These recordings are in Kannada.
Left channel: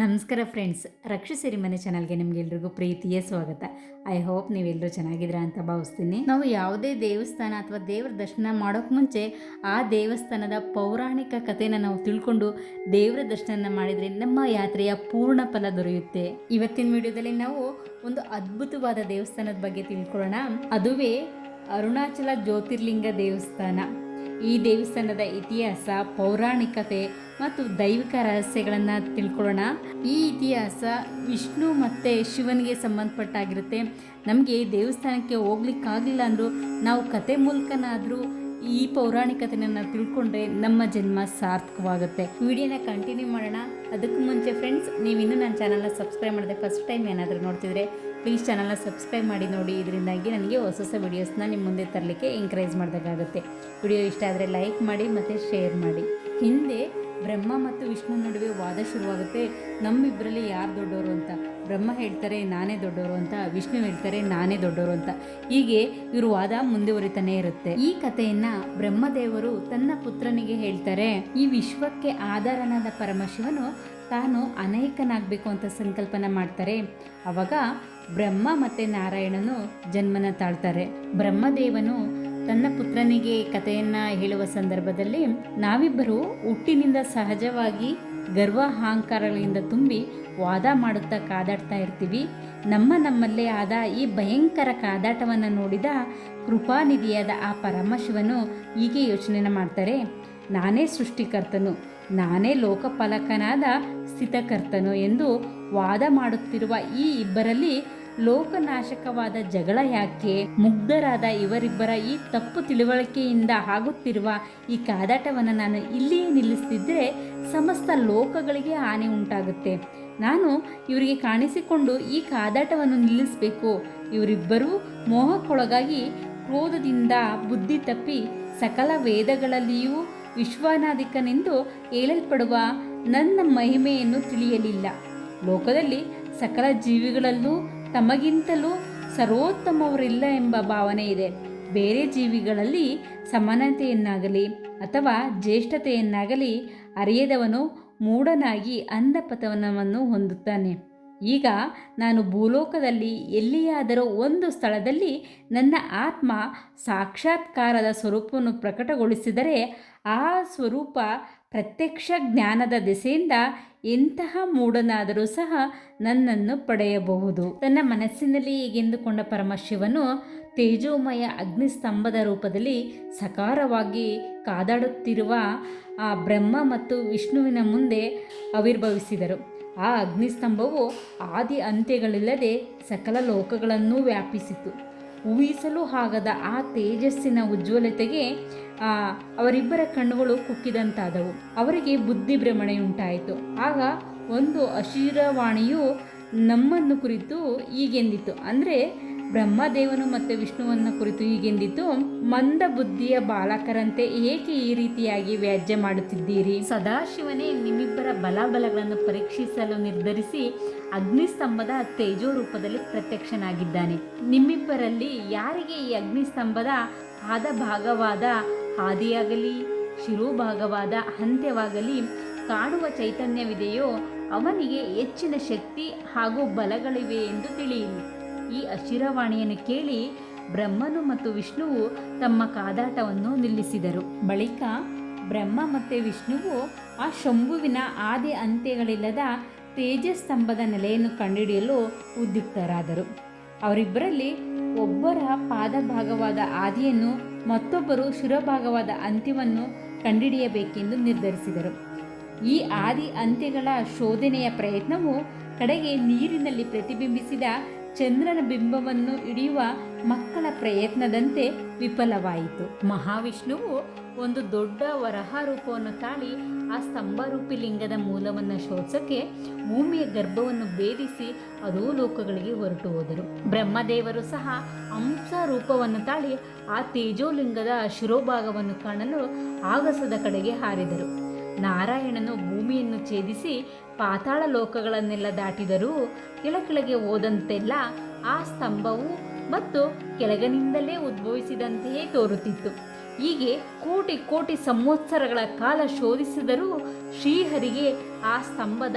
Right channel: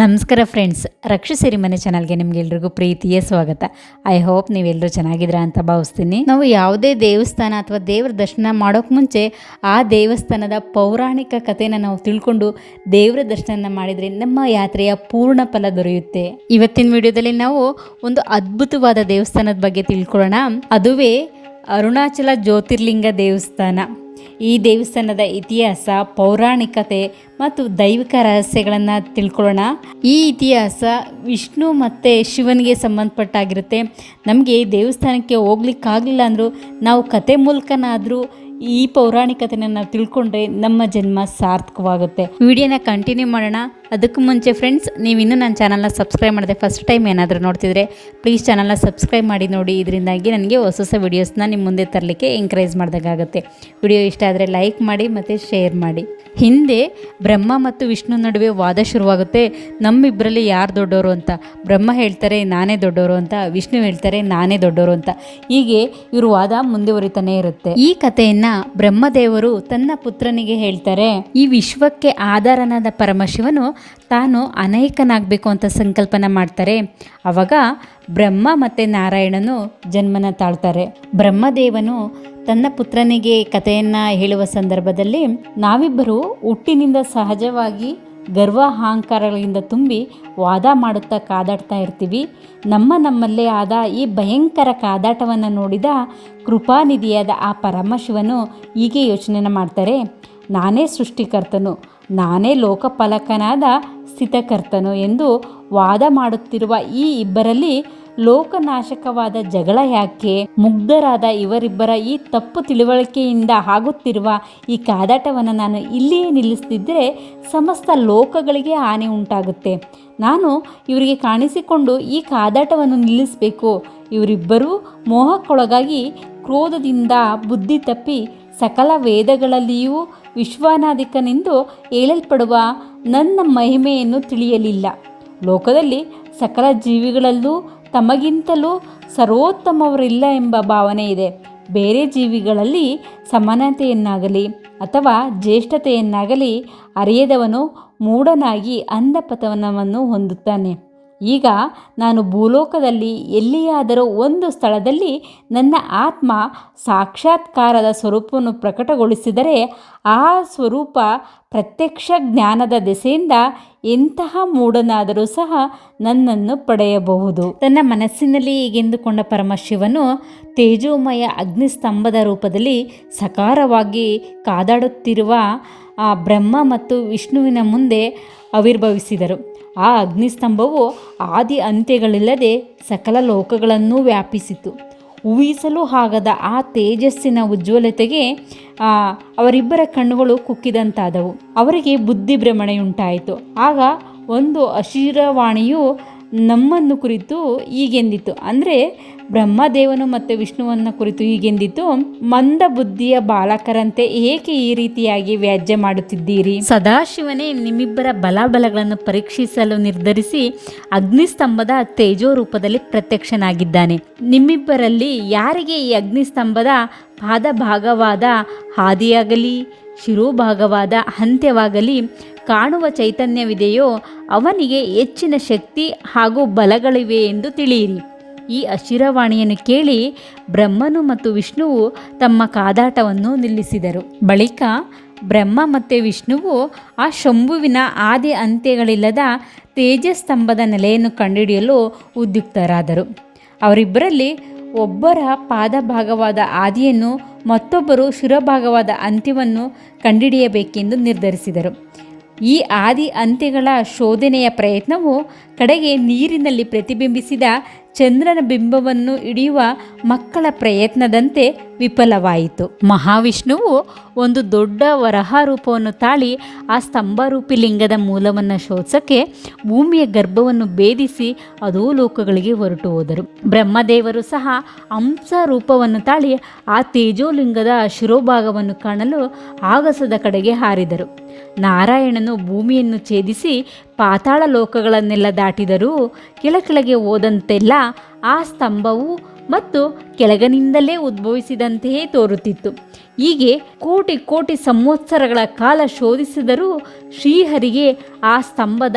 ನಮಸ್ಕಾರ ಫ್ರೆಂಡ್ಸ್ ರಕ್ಷಿಸಿರಿ ಮನೆ ಚಾನಲ್ಗೆ ನಿಮಗೆಲ್ರಿಗೂ ಪ್ರೀತಿಯ ಸ್ವಾಗತ. ಐ ಹೋಪ್ ನೀವೆಲ್ಲರೂ ಚೆನ್ನಾಗಿದ್ದೀರಾ ಅಂತ ಭಾವಿಸ್ತೀನಿ. ನಾವು ಯಾವುದೇ ದೇವಸ್ಥಾನ ಅಥವಾ ದೇವರ ದರ್ಶನ ಮಾಡೋಕ್ಕೆ ಮುಂಚೆ ಆ ದೇವಸ್ಥಾನದ ಪೌರಾಣಿಕ ಕಥೆನ ನಾವು ತಿಳ್ಕೊಂಡು ದೇವರ ದರ್ಶನ ಮಾಡಿದರೆ ನಮ್ಮ ಯಾತ್ರೆಯ ಪೂರ್ಣ ಫಲ ದೊರೆಯುತ್ತೆ. ಇವತ್ತಿನ ವಿಡಿಯೋದಲ್ಲಿ ನಾವು ಒಂದು ಅದ್ಭುತವಾದ ದೇವಸ್ಥಾನದ ಬಗ್ಗೆ ತಿಳ್ಕೊಳ್ಳೋಣ. ಅದುವೇ ಅರುಣಾಚಲ ಜ್ಯೋತಿರ್ಲಿಂಗ ದೇವಸ್ಥಾನ. ಈ ದೇವಸ್ಥಾನದ ಇತಿಹಾಸ, ಪೌರಾಣಿಕತೆ ಮತ್ತು ದೈವಿಕ ರಹಸ್ಯಗಳನ್ನು ತಿಳ್ಕೊಳ್ಳೋಣ. ಈ ಇತಿಹಾಸ ವಿಷ್ಣು ಮತ್ತು ಶಿವನಿಗೆ ಸಂಬಂಧಪಟ್ಟಾಗಿರುತ್ತೆ. ನಮಗೆ ದೇವಸ್ಥಾನಕ್ಕೆ ಹೋಗ್ಲಿಕ್ಕಾಗಲಿಲ್ಲ ಅಂದರೂ ನಾವು ಕತೆ ಮೂಲಕನಾದರೂ ಈ ಪೌರಾಣಿಕತೆನ ನಾವು ತಿಳ್ಕೊಂಡ್ರೆ ನಮ್ಮ ಜನ್ಮ ಸಾರ್ಥಕವಾಗುತ್ತೆ. ವಿಡಿಯೋನ ಕಂಟಿನ್ಯೂ ಮಾಡೋಣ. ಅದಕ್ಕೂ ಮುಂಚೆ ಫ್ರೆಂಡ್ಸ್ ನೀವು ಇನ್ನೂ ನನ್ನ ಚಾನಲ್ನ ಸಬ್ಸ್ಕ್ರೈಬ್ ಮಾಡಿದೆ ಫಸ್ಟ್ ಟೈಮ್ ಏನಾದರೂ ನೋಡ್ತಿದ್ರೆ ಪ್ಲೀಸ್ ಚಾನಲ್ನ ಸಬ್ಸ್ಕ್ರೈಬ್ ಮಾಡಿ ನೋಡಿ. ಇದರಿಂದಾಗಿ ನನಗೆ ಹೊಸ ಹೊಸ ವೀಡಿಯೋಸ್ನ ನಿಮ್ಮ ಮುಂದೆ ತರಲಿಕ್ಕೆ ಎಂಕರೇಜ್ ಮಾಡಿದಾಗುತ್ತೆ ವಿಡಿಯೋ ಇಷ್ಟ ಆದರೆ ಲೈಕ್ ಮಾಡಿ ಮತ್ತು ಶೇರ್ ಮಾಡಿ. ಹಿಂದೆ ಬ್ರಹ್ಮ ಮತ್ತು ವಿಷ್ಣು ನಡುವೆ ವಾದ ಶುರುವಾಗುತ್ತೆ. ನಮ್ಮಿಬ್ಬರಲ್ಲಿ ಯಾರು ದೊಡ್ಡವರು ಅಂತ? ಬ್ರಹ್ಮ ಹೇಳ್ತಾರೆ, ನಾನೇ ದೊಡ್ಡವರು ಅಂತ. ವಿಷ್ಣು ಹೇಳ್ತಾರೆ, ನಾನೇ ದೊಡ್ಡವರು ಅಂತ. ಹೀಗೆ ಇವರು ವಾದ ಮುಂದುವರಿತಾನೆ ಇರುತ್ತೆ. ಈ ಕಥೆಯನ್ನು ಬ್ರಹ್ಮದೇವರು ತನ್ನ ಪುತ್ರನಿಗೆ ಹೇಳ್ತಾರೆ, ಈ ವಿಶ್ವಕ್ಕೆ ಆಧಾರನಾದ ಪರಮಶಿವನು ತಾನು ಅನೇಕನಾಗಬೇಕು ಅಂತ ಸಂಕಲ್ಪನ ಮಾಡ್ತಾರೆ. ಆವಾಗ ಬ್ರಹ್ಮ ಮತ್ತು ನಾರಾಯಣನು ಜನ್ಮನ ತಾಳ್ತಾರೆ. ಬ್ರಹ್ಮದೇವನು ತನ್ನ ಪುತ್ರನಿಗೆ ಕಥೆಯನ್ನು ಹೇಳುವ ಸಂದರ್ಭದಲ್ಲಿ ನಾವಿಬ್ಬರು ಹುಟ್ಟಿನಿಂದ ಸಹಜವಾಗಿ ಗರ್ವ ಅಹಂಕಾರಗಳಿಂದ ತುಂಬಿ ವಾದ ಮಾಡುತ್ತಾ ಕಾದಾಡ್ತಾ ಇರ್ತೀವಿ. ನಮ್ಮ ನಮ್ಮಲ್ಲೇ ಆದ ಈ ಭಯಂಕರ ಕಾದಾಟವನ್ನು ನೋಡಿದ ಕೃಪಾನಿಧಿಯಾದ ಆ ಪರಮಶಿವನು ಹೀಗೆ ಯೋಚನೆನ ಮಾಡ್ತಾರೆ. ನಾನೇ ಸೃಷ್ಟಿಕರ್ತನು, ನಾನೇ ಲೋಕಪಾಲಕನಾದ ಸ್ಥಿತಕರ್ತನು ಎಂದು ವಾದ ಮಾಡುತ್ತಿರುವ ಈ ಇಬ್ಬರಲ್ಲಿ ಲೋಕನಾಶಕವಾದ ಜಗಳ ಯಾಕೆ? ಮುಗ್ಧರಾದ ಇವರಿಬ್ಬರ ಈ ತಪ್ಪು ತಿಳುವಳಿಕೆಯಿಂದ ಆಗುತ್ತಿರುವ ಈ ಕಾದಾಟವನ್ನು ನಾನು ಇಲ್ಲಿಯೇ ನಿಲ್ಲಿಸ್ತಿದ್ದರೆ ಸಮಸ್ತ ಲೋಕಗಳಿಗೆ ಹಾನಿ ಉಂಟಾಗುತ್ತೆ. ನಾನು ಇವರಿಗೆ ಕಾಣಿಸಿಕೊಂಡು ಈ ಕಾದಾಟವನ್ನು ನಿಲ್ಲಿಸಬೇಕು. ಇವರಿಬ್ಬರೂ ಮೋಹಕ್ಕೊಳಗಾಗಿ ಕ್ರೋಧದಿಂದ ಬುದ್ಧಿ ತಪ್ಪಿ ಸಕಲ ವೇದಗಳಲ್ಲಿಯೂ ವಿಶ್ವನಾಧಿಕನೆಂದು ಹೇಳಲ್ಪಡುವ ನನ್ನ ಮಹಿಮೆಯನ್ನು ತಿಳಿಯಲಿಲ್ಲ. ಲೋಕದಲ್ಲಿ ಸಕಲ ಜೀವಿಗಳಲ್ಲೂ ತಮಗಿಂತಲೂ ಸರ್ವೋತ್ತಮವರಿಲ್ಲ ಎಂಬ ಭಾವನೆ ಇದೆ. ಬೇರೆ ಜೀವಿಗಳಲ್ಲಿ ಸಮಾನತೆಯನ್ನಾಗಲಿ ಅಥವಾ ಜ್ಯೇಷ್ಠತೆಯನ್ನಾಗಲಿ ಅರಿಯದವನು ಮೂಢನಾಗಿ ಅಂಧಪತನವನ್ನು ಹೊಂದುತ್ತಾನೆ. ಈಗ ನಾನು ಭೂಲೋಕದಲ್ಲಿ ಎಲ್ಲಿಯಾದರೂ ಒಂದು ಸ್ಥಳದಲ್ಲಿ ನನ್ನ ಆತ್ಮ ಸಾಕ್ಷಾತ್ಕಾರದ ಸ್ವರೂಪವನ್ನು ಪ್ರಕಟಗೊಳಿಸಿದರೆ ಆ ಸ್ವರೂಪ ಪ್ರತ್ಯಕ್ಷ ಜ್ಞಾನದ ದೆಸೆಯಿಂದ ಎಂತಹ ಮೂಢನಾದರೂ ಸಹ ನನ್ನನ್ನು ಪಡೆಯಬಹುದು. ತನ್ನ ಮನಸ್ಸಿನಲ್ಲಿ ಹೀಗೆಂದುಕೊಂಡ ಪರಮಶಿವನು ತೇಜೋಮಯ ಅಗ್ನಿಸ್ತಂಭದ ರೂಪದಲ್ಲಿ ಸಕಾರವಾಗಿ ಕಾದಾಡುತ್ತಿರುವ ಆ ಬ್ರಹ್ಮ ಮತ್ತು ವಿಷ್ಣುವಿನ ಮುಂದೆ ಆವಿರ್ಭವಿಸಿದರು. ಆ ಅಗ್ನಿಸ್ತಂಭವು ಆದಿ ಅಂತ್ಯಗಳಿಲ್ಲದೆ ಸಕಲ ಲೋಕಗಳನ್ನು ವ್ಯಾಪಿಸಿತು. ಊಹಿಸಲು ಆಗದ ಆ ತೇಜಸ್ಸಿನ ಉಜ್ವಲತೆಗೆ ಅವರಿಬ್ಬರ ಕಣ್ಣುಗಳು ಕುಕ್ಕಿದಂತಾದವು. ಅವರಿಗೆ ಬುದ್ಧಿಭ್ರಮಣೆಯುಂಟಾಯಿತು ಆಗ ಒಂದು ಅಶಿರವಾಣಿಯು ನಮ್ಮನ್ನು ಕುರಿತು ಹೀಗೆಂದಿತು ಅಂದರೆ ಬ್ರಹ್ಮದೇವನು ಮತ್ತು ವಿಷ್ಣುವನ್ನು ಕುರಿತು ಹೀಗೆಂದಿತು ಮಂದ ಬುದ್ಧಿಯ ಬಾಲಕರಂತೆ ಏಕೆ ಈ ರೀತಿಯಾಗಿ ವ್ಯಾಜ್ಯ ಮಾಡುತ್ತಿದ್ದೀರಿ? ಸದಾಶಿವನೇ ನಿಮ್ಮಿಬ್ಬರ ಬಲಾಬಲಗಳನ್ನು ಪರೀಕ್ಷಿಸಲು ನಿರ್ಧರಿಸಿ ಅಗ್ನಿಸ್ತಂಭದ ತೇಜೋ ರೂಪದಲ್ಲಿ ಪ್ರತ್ಯಕ್ಷನಾಗಿದ್ದಾನೆ. ನಿಮ್ಮಿಬ್ಬರಲ್ಲಿ ಯಾರಿಗೆ ಈ ಅಗ್ನಿಸ್ತಂಭದ ಪಾದ ಭಾಗವಾದ ಹಾದಿಯಾಗಲಿ, ಶಿರೋಭಾಗವಾದ ಅಂತ್ಯವಾಗಲಿ ಕಾಣುವ ಚೈತನ್ಯವಿದೆಯೋ ಅವನಿಗೆ ಹೆಚ್ಚಿನ ಶಕ್ತಿ ಹಾಗೂ ಬಲಗಳಿವೆ ಎಂದು ತಿಳಿಯಿರಿ. ಈ ಅಶಿರವಾಣಿಯನ್ನು ಕೇಳಿ ಬ್ರಹ್ಮನು ಮತ್ತು ವಿಷ್ಣುವು ತಮ್ಮ ಕಾದಾಟವನ್ನು ನಿಲ್ಲಿಸಿದರು. ಬಳಿಕ ಬ್ರಹ್ಮ ಮತ್ತು ವಿಷ್ಣುವು ಆ ಶಂಭುವಿನ ಆದಿ ಅಂತ್ಯಗಳಿಲ್ಲದ ತೇಜಸ್ತಂಭದ ನೆಲೆಯನ್ನು ಕಂಡುಹಿಡಿಯಲು ಉದ್ಯುಕ್ತರಾದರು. ಅವರಿಬ್ಬರಲ್ಲಿ ಒಬ್ಬರ ಪಾದಭಾಗವಾದ ಆದಿಯನ್ನು ಮತ್ತೊಬ್ಬರು ಶಿರಭಾಗವಾದ ಅಂತ್ಯವನ್ನು ಕಂಡುಹಿಡಿಯಬೇಕೆಂದು ನಿರ್ಧರಿಸಿದರು. ಈ ಆದಿ ಅಂತ್ಯಗಳ ಶೋಧನೆಯ ಪ್ರಯತ್ನವು ಕಡೆಗೆ ನೀರಿನಲ್ಲಿ ಪ್ರತಿಬಿಂಬಿಸಿದ ಚಂದ್ರನ ಬಿಂಬವನ್ನು ಹಿಡಿಯುವ ಮಕ್ಕಳ ಪ್ರಯತ್ನದಂತೆ ವಿಫಲವಾಯಿತು. ಮಹಾವಿಷ್ಣುವು ಒಂದು ದೊಡ್ಡ ವರಹ ರೂಪವನ್ನು ತಾಳಿ ಆ ಸ್ತಂಭರೂಪಿ ಲಿಂಗದ ಮೂಲವನ್ನು ಶೋಧಿಸಕ್ಕೆ ಭೂಮಿಯ ಗರ್ಭವನ್ನು ಭೇದಿಸಿ ಅದೂ ಲೋಕಗಳಿಗೆ ಹೊರಟು ಹೋದರು. ಬ್ರಹ್ಮದೇವರು ಸಹ ಹಂಸ ರೂಪವನ್ನು ತಾಳಿ ಆ ತೇಜೋಲಿಂಗದ ಶಿರೋಭಾಗವನ್ನು ಕಾಣಲು ಆಗಸದ ಕಡೆಗೆ ಹಾರಿದರು. ನಾರಾಯಣನು ಭೂಮಿಯನ್ನು ಛೇದಿಸಿ ಪಾತಾಳ ಲೋಕಗಳನ್ನೆಲ್ಲ ದಾಟಿದರೂ ಕೆಳಕೆಳಗೆ ಹೋದಂತೆಲ್ಲ ಆ ಸ್ತಂಭವು ಮತ್ತು ಕೆಳಗನಿಂದಲೇ ಉದ್ಭವಿಸಿದಂತೆಯೇ ತೋರುತ್ತಿತ್ತು. ಹೀಗೆ ಕೋಟಿ ಕೋಟಿ ಸಂವತ್ಸರಗಳ ಕಾಲ ಶೋಧಿಸಿದರೂ ಶ್ರೀಹರಿಗೆ ಆ ಸ್ತಂಭದ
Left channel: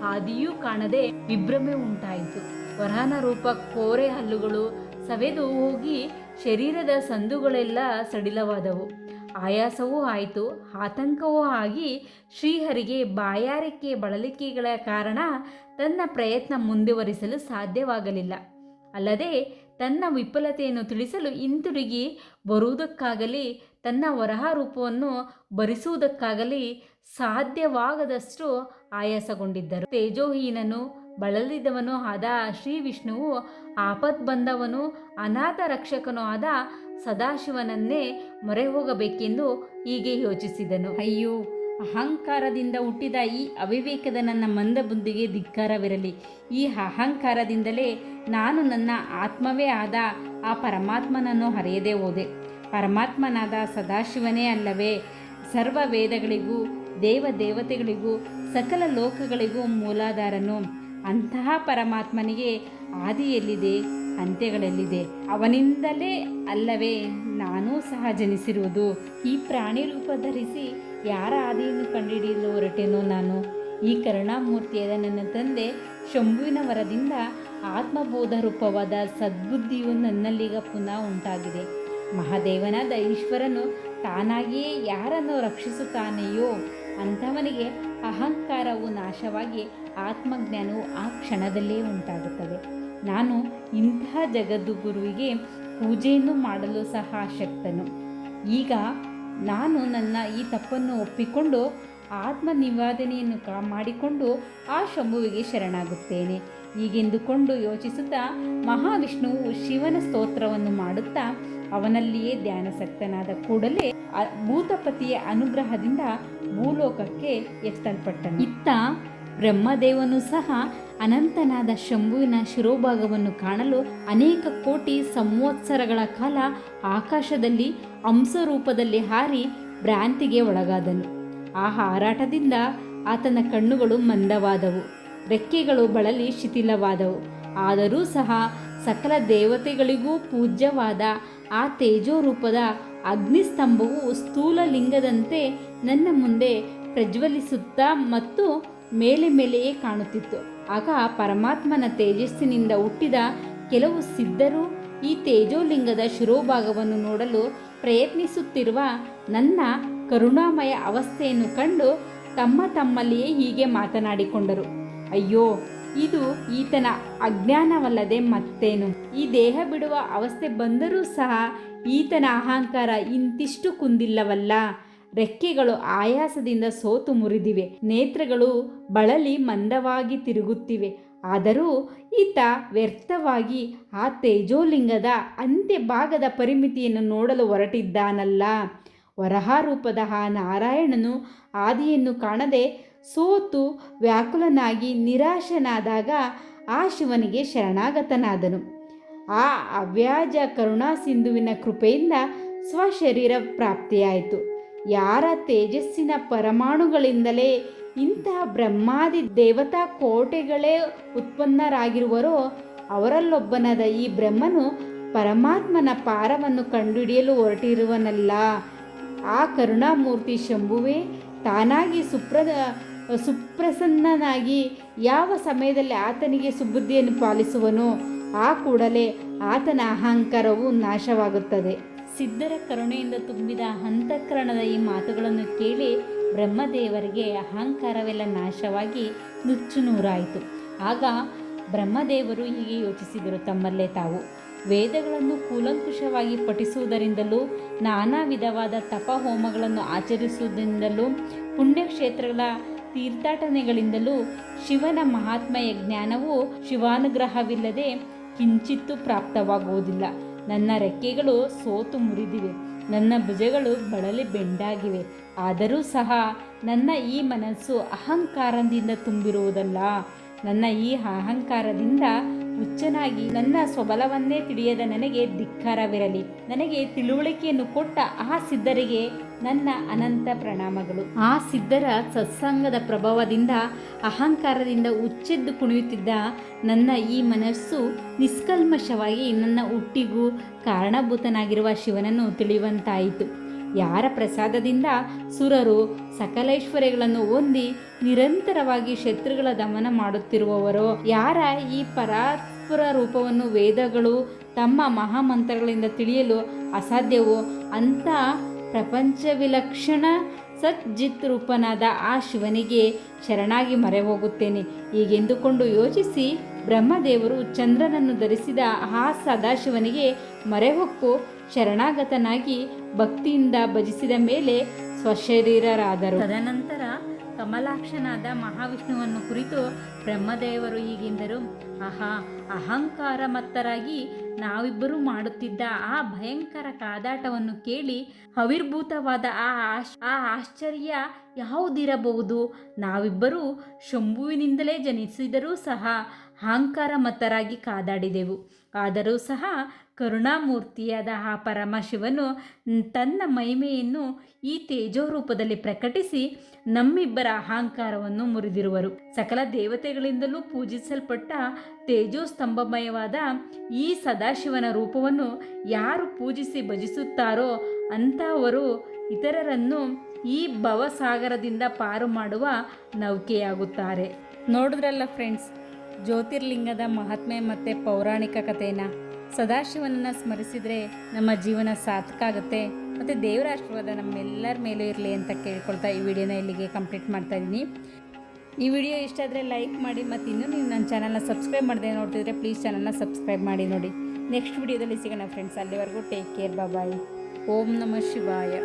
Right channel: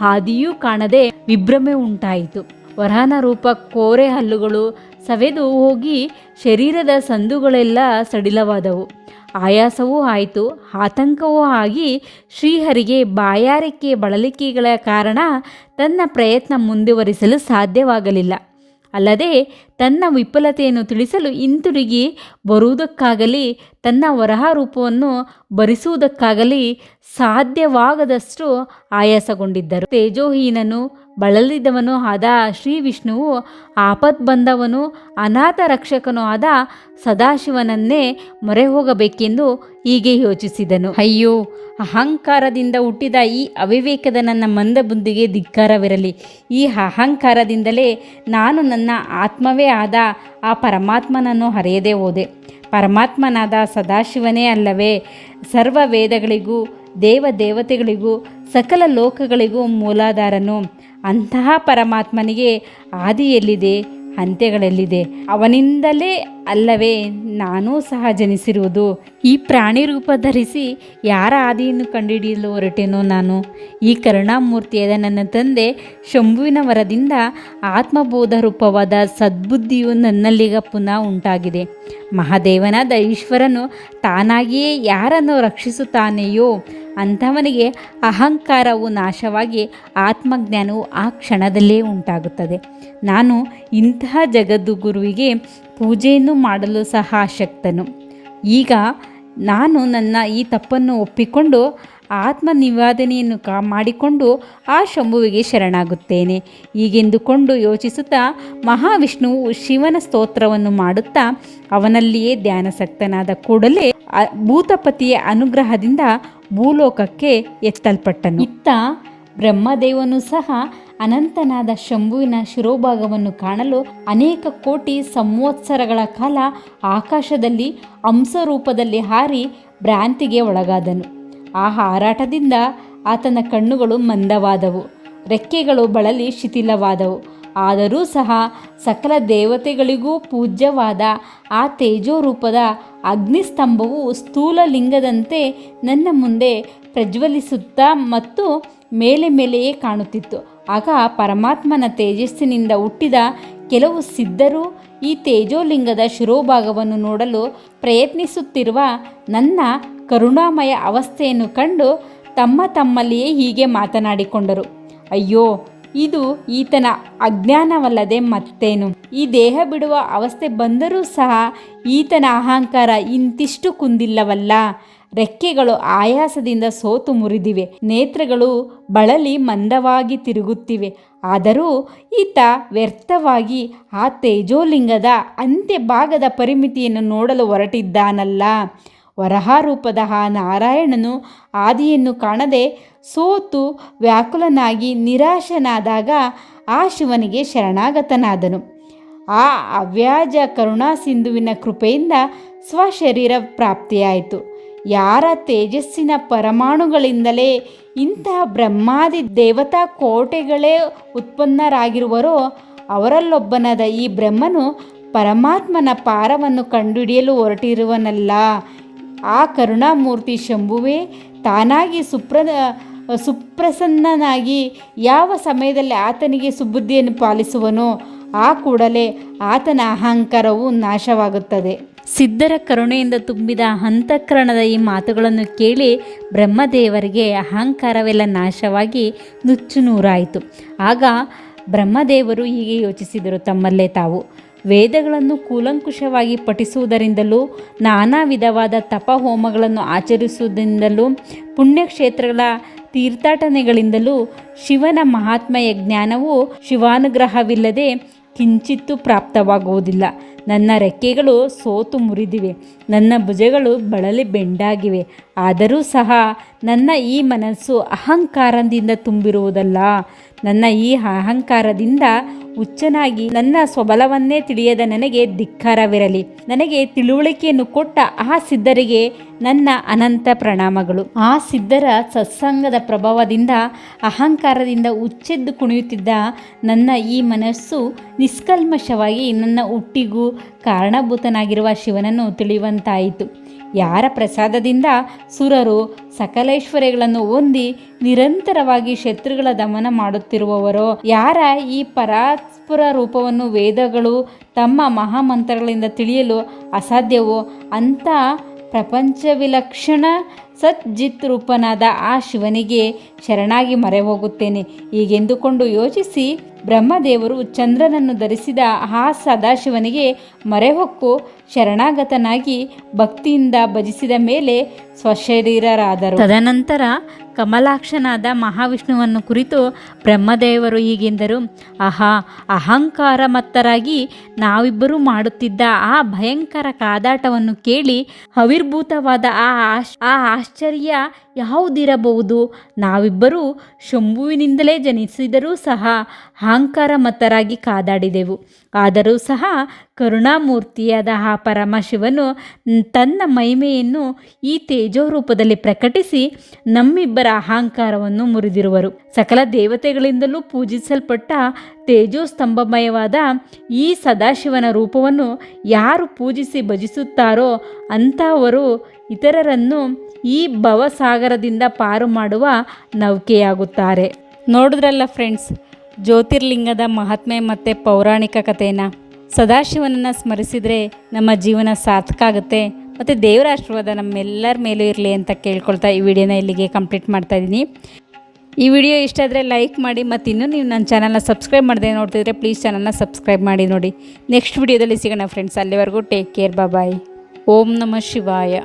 ಹಾದಿಯೂ ಕಾಣದೆ ವಿಭ್ರಮೆ ಉಂಟಾಯಿತು. ವರಹನ ರೂಪ ಕೋರೆ ಹಲ್ಲುಗಳು ಸವೆದು ಹೋಗಿ ಶರೀರದ ಸಂದುಗಳೆಲ್ಲ ಸಡಿಲವಾದವು. ಆಯಾಸವೂ ಆಯಿತು. ಆತಂಕವೂ ಆಗಿ ಶ್ರೀಹರಿಗೆ ಬಾಯಾರಿಕೆ ಬಳಲಿಕೆಗಳ ಕಾರಣ ತನ್ನ ಪ್ರಯತ್ನ ಮುಂದುವರಿಸಲು ಸಾಧ್ಯವಾಗಲಿಲ್ಲ. ಅಲ್ಲದೆ ತನ್ನ ವಿಫಲತೆಯನ್ನು ತಿಳಿಸಲು ಹಿಂತಿರುಗಿ ಬರುವುದಕ್ಕಾಗಲಿ, ತನ್ನ ವರಹ ರೂಪವನ್ನು ಭರಿಸುವುದಕ್ಕಾಗಲಿ ಸಾಧ್ಯವಾಗದಷ್ಟು ಆಯಾಸಗೊಂಡಿದ್ದರು. ತೇಜೋಹೀನನು ಬಳಲಿದವನು ಆದ ಶ್ರೀ ವಿಷ್ಣುವು ಆಪದ್ಬಂಧವನು ಅನಾಥ ರಕ್ಷಕನೂ ಆದ ಸದಾಶಿವನನ್ನೇ ಮೊರೆ ಹೋಗಬೇಕೆಂದು ಹೀಗೆ ಯೋಚಿಸಿದನು. ಅಯ್ಯೋ, ಅಹಂಕಾರದಿಂದ ಹುಟ್ಟಿದ ಈ ಅವಿವೇಕದ ನನ್ನ ಮಂದಬುಂದಿಗೆ ಧಿಕ್ಕಾರವಿರಲಿ. ಈ ಅಹಂಕಾರದಿಂದಲೇ ನಾನು ನನ್ನ ಆತ್ಮವೇ ಆದ ಆ ಪರಮಾತ್ಮನನ್ನು ಹರೆಯದೇ ಹೋದೆ. ಪರಮಾತ್ಮನಾದ ಸದಾಶಿವನೇ ಅಲ್ಲವೇ ಸರ್ವ ವೇದಗಳಿಗೂ ದೇವ ದೇವತೆಗಳಿಗೂ ಸಕಲ ಲೋಕಗಳಿಗೂ ಮೂಲಾಧಾರನು. ಅಂತಹ ಪರಮಾತ್ಮನಿಗೆ ಆದಿಯೆಲ್ಲಿದೆ ಅಂತ್ಯಗಳೆಲ್ಲಿದೆ? ಅವನಿಂದಲೇ ಅಲ್ಲವೇ ನಾನೂ ಸಹ ಜನಿಸಿರುವುದು. ಈ ಪ್ರಾಣಿ ರೂಪ ಧರಿಸಿ ಯಾರ ಆದಿಯನ್ನು ಕಂಡುಹಿಡಿಯಲು ಹೊರಟೇನೋ ನಾನು? ಈ ಕರುಣಾಮೂರ್ತಿಯಾದ ನನ್ನ ತಂದೆ ಶಂಭುವಿನ ವರದಿಂದ ಆತ್ಮಬೋಧ ರೂಪವಾದ ಸದ್ಬುದ್ಧಿಯು ನನ್ನಲ್ಲಿಗ ಪುನಃ ಉಂಟಾಗಿದೆ. ಮಹಾದೇವನಾದ ಈಶ್ವರನು ತಾನಾಗಿಯೇ ಯಾರನ್ನು ರಕ್ಷಿಸುತ್ತಾನೆಯೋ ಅಂಥವನಿಗೆ ಅಹಂಕಾರವು ನಾಶವಾಗಿ ಆತ್ಮಜ್ಞಾನವು ಆ ಕ್ಷಣದಲ್ಲೇ ಉಂಟಾಗುತ್ತದೆ. ನಾನು ಇಂತಹ ಜಗದ್ಗುರುವಿಗೆ ಪೂಜೆಯನ್ನು ಮಾಡಲು ಸಹ ಆಶಕ್ತನು ಈಗ ನಾನು ನನ್ನ ಈ ತಪ್ಪನ್ನು ಒಪ್ಪಿಕೊಂಡು ಆತ್ಮ ನಿವಾದನೆಯನ್ನು ಕಾ ಮಾಡಿಕೊಂಡು ಆ ಶಂಭುವಿಗೆ ಶರಣಾಗುತ್ತೇನೆ. ಹೀಗೆಂದುಕೊಂಡು ಯೋಚಿಸುತ್ತಾ ಮಹಾವಿಷ್ಣುವು ಶಿವನ ಸ್ತೋತ್ರವನ್ನು ಮಾಡುತ್ತಾ ಅವನಲ್ಲಿಯೇ ಧ್ಯಾನಸಕ್ತನಾದ ಕೂಡಲೇ ಭೂತಪತಿಯ ಅನುಗ್ರಹದಿಂದ ಭೂಲೋಕಕ್ಕೆ ಎತ್ತಲ್ಪಟ್ಟನು. ಇತ್ತ ಬ್ರಹ್ಮದೇವನು ಸಹ ಅನಂತನಾದ ಶಂಭುವಿನ ಶಿರೋಭಾಗವನ್ನು ಕಾಣಲು ಅನೇಕ ಕೋಟಿ ಸಂವತ್ಸರಗಳ ಕಾಲ ಆಕಾಶದಲ್ಲಿ ಹಂಸರೂಪದಲ್ಲಿ ಹಾರಿ ಭ್ರಾಂತಿಗೆ ಒಳಗಾದನು. ಆ ಹಾರಾಟದಿಂದ ಆತನ ಕಣ್ಣುಗಳು ಮಂದವಾದವು. ರೆಕ್ಕೆಗಳು ಬಳಲಿ ಶಿಥಿಲವಾದವು. ಆದರೂ ಸಹ ಸಕಲ ದೇವತೆಗಳಿಗೂ ಪೂಜ್ಯವಾದ ಆ ತೇಜೋರೂಪದ ಅಗ್ನಿಸ್ತಂಭವು ಸ್ಥೂಲ ಲಿಂಗದಂತೆ ನನ್ನ ಮುಂದೆ ಪ್ರಜ್ವಲಿಸುತ್ತಾ ಮತ್ತು ಮೇಲೆ ಮೇಲೆಯೇ ಕಾಣುತ್ತಿತ್ತು. ಆಗ ಪರಮಾತ್ಮನ ತೇಜಸ್ಸಿನಿಂದ ಹುಟ್ಟಿದ ಕೆಲವು ಸಿದ್ಧರು ಈ ತೇಜೋಲಿಂಗದ ಶಿರೋಭಾಗವನ್ನು ನೋಡಲು ಪ್ರಯತ್ನಿಸುತ್ತಿರುವ ನನ್ನ ಕರುಣಾಮಯ ಅವಸ್ಥೆಯನ್ನು ಕಂಡು ತಮ್ಮ ತಮ್ಮಲ್ಲಿಯೇ ಹೀಗೆ ಮಾತನಾಡಿಕೊಂಡರು. ಅಯ್ಯೋ, ಇದು ಈತನ ಅಜ್ಞಾನವಲ್ಲದೆ ಮತ್ತೇನು? ಈ ದೇಹ ಬಿಡುವ ಅವಸ್ಥೆ ಬಂದರೂ ಸಹ ಈತನ ಅಹಂಕಾರ ಇಂತಿಷ್ಟು ಕುಂದಿಲ್ಲವಲ್ಲ? ರೆಕ್ಕೆಗಳು ಆಯಾಸದಿಂದ ಸೋತು ಮುರಿದಿವೆ. ನೇತ್ರಗಳು ಬಳಲಿ ಮಂದವಾಗಿ ತಿರುಗುತ್ತಿವೆ. ಆದರೂ ಈತ ವ್ಯರ್ಥವಾಗಿ ಆ ತೇಜೋಲಿಂಗದ ಅಂತ್ಯ ಭಾಗದ ಪರಿಮಿತಿಯನ್ನು ನೋಡಲು ಹೊರಟಿದ್ದಾನಲ್ಲ. ವರಹಾರೂಪದ ಆ ನಾರಾಯಣನು ಆದಿಯನ್ನು ಕಾಣದೆ ಸೋತು ವ್ಯಾಕುಲನಾಗಿ ನಿರಾಶನಾದಾಗ ಆ ಶಿವನಿಗೆ ಶರಣಾಗತನಾದನು. ಆ ಅವ್ಯಾಜ ಕರುಣಾ ಸಿಂಧುವಿನ ಕೃಪೆಯಿಂದ ಸ್ವಶರೀರ ಪ್ರಾಪ್ತಿಯಾಯಿತು. ಯಾರ ತೇಜಸ್ಸಿನ ಪರಮಾಣುಗಳಿಂದಲೇ ಇಂತಹ ಬ್ರಹ್ಮಾದಿ ದೇವತಾ ಕೋಟೆಗಳೇ ಉತ್ಪನ್ನರಾಗಿರುವರೋ, ಅವರಲ್ಲೊಬ್ಬನಾದ ಈ ಬ್ರಹ್ಮನು ಪರಮಾತ್ಮನ ಪಾರವನ್ನು ಕಂಡುಹಿಡಿಯಲು ಹೊರಟಿರುವನಲ್ಲ. ಆ ಕರುಣಾಮೂರ್ತಿ ಶಂಭುವೇ, ತಾನಾಗಿ ಸುಪ್ರ ಸುಪ್ರಸನ್ನನಾಗಿ ಯಾವ ಸಮಯದಲ್ಲಿ ಆತನಿಗೆ ಸುಬುದ್ಧಿಯನ್ನು ಪಾಲಿಸುವನೋ, ಆ ಕೂಡಲೇ ಆತನ ಅಹಂಕಾರವು ನಾಶವಾಗುತ್ತದೆ. ಸಿದ್ಧರ ಕರುಣೆಯಿಂದ ತುಂಬಿದ ಅಂತಃಕರಣದ ಈ ಮಾತುಗಳನ್ನು ಕೇಳಿ ಬ್ರಹ್ಮದೇವರಿಗೆ ಅಹಂಕಾರವೆಲ್ಲ ನಾಶವಾಗಿ ನುಚ್ಚು ನೂರಾಯಿತು. ಆಗ ಬ್ರಹ್ಮದೇವರು ಹೀಗೆ ಯೋಚಿಸಿದರು, ತಮ್ಮಲ್ಲೇ ತಾವು. ವೇದಗಳನ್ನು ಕೂಲಂಕುಷವಾಗಿ ಪಠಿಸುವುದರಿಂದಲೂ, ನಾನಾ ವಿಧವಾದ ತಪ ಹೋಮಗಳನ್ನು ಆಚರಿಸುವುದರಿಂದಲೂ, ಪುಣ್ಯಕ್ಷೇತ್ರಗಳ ತೀರ್ಥಾಟನೆಗಳಿಂದಲೂ ಶಿವನ ಮಹಾತ್ಮೆಯ ಜ್ಞಾನವು ಶಿವಾನುಗ್ರಹವಿಲ್ಲದೆ ಕಿಂಚಿತ್ತೂ ಪ್ರಾಪ್ತವಾಗುವುದಿಲ್ಲ. ನನ್ನ ರೆಕ್ಕೆಗಳು ಸೋತು ಮುರಿದಿವೆ. ನನ್ನ ಭುಜಗಳು ಬಳಲಿ ಬೆಂಡಾಗಿವೆ. ಆದರೂ ಸಹ ನನ್ನ ಈ ಮನಸ್ಸು ಅಹಂಕಾರದಿಂದ ತುಂಬಿರುವುದಲ್ಲ. ನನ್ನ ಈ ಅಹಂಕಾರದಿಂದ ಹುಚ್ಚನಾಗಿ ನನ್ನ ಸ್ವಬಲವನ್ನೇ ತಿಳಿಯದ ನನಗೆ ಧಿಕ್ಕಾರವಿರಲಿ. ನನಗೆ ತಿಳುವಳಿಕೆಯನ್ನು ಕೊಟ್ಟ ಆ ಸಿದ್ಧರಿಗೆ ನನ್ನ ಅನಂತ ಪ್ರಣಾಮಗಳು. ಆ ಸಿದ್ಧರ ಸತ್ಸಂಗದ ಪ್ರಭಾವದಿಂದ, ಅಹಂಕಾರದಿಂದ ಹುಚ್ಚೆದ್ದು ಕುಣಿಯುತ್ತಿದ್ದ ನನ್ನ ಈ ಮನಸ್ಸು ನಿಷ್ಕಲ್ಮಶವಾಗಿ ನನ್ನ ಹುಟ್ಟಿಗೂ ಕಾರಣಭೂತನಾಗಿರುವ ಶಿವನನ್ನು ತಿಳಿಯುವಂತಾಯಿತು. ಯಾರ ಪ್ರಸಾದದಿಂದ ಸುರರು ಸಕಲೈಶ್ವರ್ಯಗಳನ್ನು ಹೊಂದಿ ನಿರಂತರವಾಗಿ ಶತ್ರುಗಳ ದಮನ ಮಾಡುತ್ತಿರುವವರೋ, ಯಾರ ಈ ಪರಾತ್ಪುರ ರೂಪವನ್ನು ವೇದಗಳು ತಮ್ಮ ಮಹಾಮಂತ್ರಗಳಿಂದ ತಿಳಿಯಲು ಅಸಾಧ್ಯವೋ, ಅಂಥ ಪ್ರಪಂಚ ವಿಲಕ್ಷಣ ಸಜ್ಜಿತ್ ರೂಪನಾದ ಆ ಶಿವನಿಗೆ ಶರಣಾಗಿ ಮರೆ ಹೋಗುತ್ತೇನೆ ಹೀಗೆಂದುಕೊಂಡು ಯೋಚಿಸಿ ಬ್ರಹ್ಮದೇವರು ಚಂದ್ರನನ್ನು ಧರಿಸಿದ ಆ ಸದಾಶಿವನಿಗೆ ಮೊರೆಹೊಕ್ಕು ಶರಣಾಗತನಾಗಿ ಭಕ್ತಿಯಿಂದ ಭಜಿಸಿದ ಮೇಲೆ ಸ್ವಶರೀರರಾದರು. ತದನಂತರ ಕಮಲಾಕ್ಷನಾದ ಮಹಾವಿಷ್ಣುವನ್ನು ಕುರಿತು ಬ್ರಹ್ಮದೇವರು ಹೀಗೆಂದರು. ಅಹಾ ಅಹಂಕಾರ ಮತ್ತರಾಗಿ ನಾವಿಬ್ಬರೂ ಮಾಡುತ್ತಿದ್ದ ಆ ಭಯಂಕರ ಕಾದಾಟವನ್ನು ಕೇಳಿ ಅವಿರ್ಭೂತವಾದ ಆ ಆಶ್, ಆ ಆಶ್ಚರ್ಯ ಯಾವುದಿರಬಹುದು? ನಾವಿಬ್ಬರೂ ಶಂಭುವಿನಿಂದಲೇ ಜನಿಸಿದರೂ ಸಹ ಅಹಂಕಾರ ಮತ್ತರಾಗಿ ಕಾದಾಡಿದೆವು. ಆದರೂ ಸಹ ಕರುಣಾಮೂರ್ತಿಯಾದ ಆ ಪರಮಶಿವನು ತನ್ನ ಮಹಿಮೆಯನ್ನು ಈ ತೇಜೋ ರೂಪದಲ್ಲಿ ಪ್ರಕಟಿಸಿ ನಮ್ಮಿಬ್ಬರ ಅಹಂಕಾರವನ್ನು ಮುರಿದಿರುವರು. ಸಕಲ ದೇವತೆಗಳಿಂದಲೂ ಪೂಜಿಸಲ್ಪಟ್ಟ ತೇಜೋಸ್ತಂಭಮಯವಾದ ಈ ಸದಾಶಿವನ ರೂಪವನ್ನು ಯಾರು ಪೂಜಿಸಿ ಭಜಿಸುತ್ತಾರೋ ಅಂಥವರು ಇತರರನ್ನು ಈ ಭವಸಾಗರದಿಂದ ಪಾರು ಮಾಡುವ ನೌಕೆಯಾಗುತ್ತಾರೆ. ನೋಡಿದ್ರಲ್ಲ ಫ್ರೆಂಡ್ಸ್, ಜ್ಯೋತಿರ್ಲಿಂಗದ ಮಹಾತ್ಮೆ ಮತ್ತು ಪೌರಾಣಿಕ ಕಥೆಯನ್ನು ಸದಾಶಿವನನ್ನು ಸ್ಮರಿಸಿದರೆ ನಮ್ಮ ಜೀವನ ಸಾರ್ಥಕ ಆಗುತ್ತೆ. ಮತ್ತು ದೇವರ ಆಶೀರ್ವಾದ ನಮ್ಮೆಲ್ಲರ ಮೇಲೂ ಇರಲಿ ಅಂತ ಕೇಳ್ಕೊಳ್ತಾ ಈ ವಿಡಿಯೋನ ಇಲ್ಲಿಗೆ ಕಂಪ್ಲೀಟ್ ಮಾಡ್ತಾ ಇದ್ದೀನಿ ಈ ವಿಡಿಯೋ ಇಷ್ಟ ಆದರೆ ಲೈಕ್ ಮಾಡಿ, ಮತ್ತು ಇನ್ನೂ ನೀವು ನನ್ನ ಚಾನಲ್ನ ಸಬ್ಸ್ಕ್ರೈಬ್ ಮಾಡದೆ ನೋಡ್ತಿದ್ರೆ ಪ್ಲೀಸ್ ಚಾನಲ್ನ ಸಬ್ಸ್ಕ್ರೈಬ್ ಮಾಡಿ ನೋಡಿ. ನೆಕ್ಸ್ಟ್ ವಿಡಿಯೋದಲ್ಲಿ ಸಿಗೋಣ ಫ್ರೆಂಡ್ಸ್ ಅಲ್ಲಿವರೆಗೂ ಟೇಕ್ ಕೇರ್ ಬಾಯ್ ಓಂ ನಮಃ ಶಿವಾಯ.